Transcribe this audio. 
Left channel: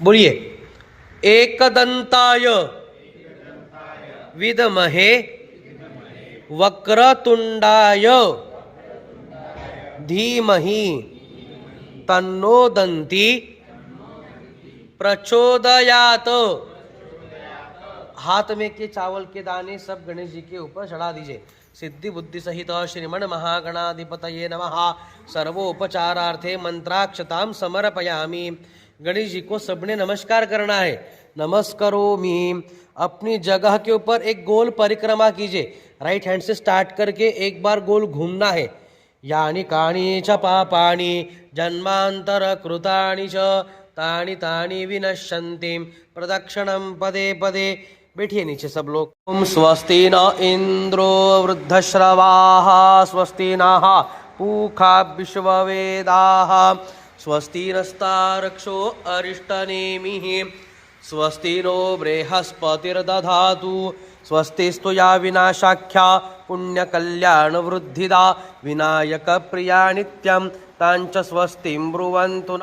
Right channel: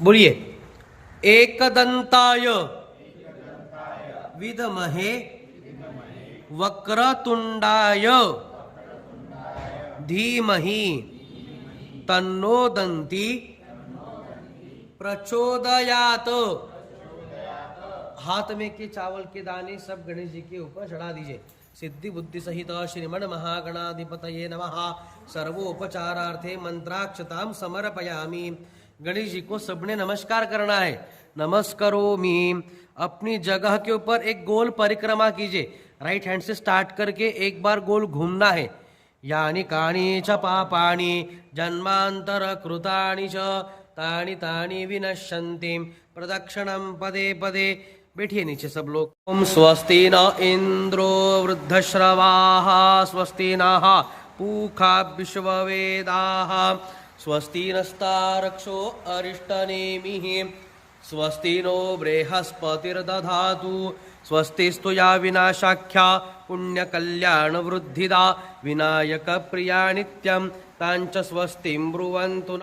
बोलिए। एकदंताय विद्महे वक्रतुंडाय धीमहि तन्नो दंती प्रचोदयात। हाथ में के चावल के दाने सब गणेश जी के ऊपर चढ़ा दीजिए। सिद्धि बुद्धि सहित श्रीमन महागणाधिपतये नमः। सर्वोपचारार्थे मंत्राक्षताम समर्पयामि। गणेश जी को सबने नमस्कार करना है। नमस्करोमि। अपनी जगह के ऊपर एक गोल परिक्रमा कीजिए। राइट हैंड से स्टार्ट करके एक बार गोल घूमना है। यानी काणी च पापानि जन्मांतर कृतानि च तानि तानि विनश्यन्ति प्रदक्षिणं पदे पदे। बैठिए नीचे सब लोग। ओम स्वस्ति न इंद्रो वृद्धश्रवाः स्वस्ति नः पूषा विश्ववेदाः स्वस्ति नस्तार्क्ष्यो अरिष्टनेमिः स्वस्ति नो बृहस्पतिर्दधातु स्वस्तिस्तु या विनाशाख्या पुण्यकल्याणवृद्धिदा विनायकप्रिया नित्यं तांच स्वस्तिं ब्रुवन्तु।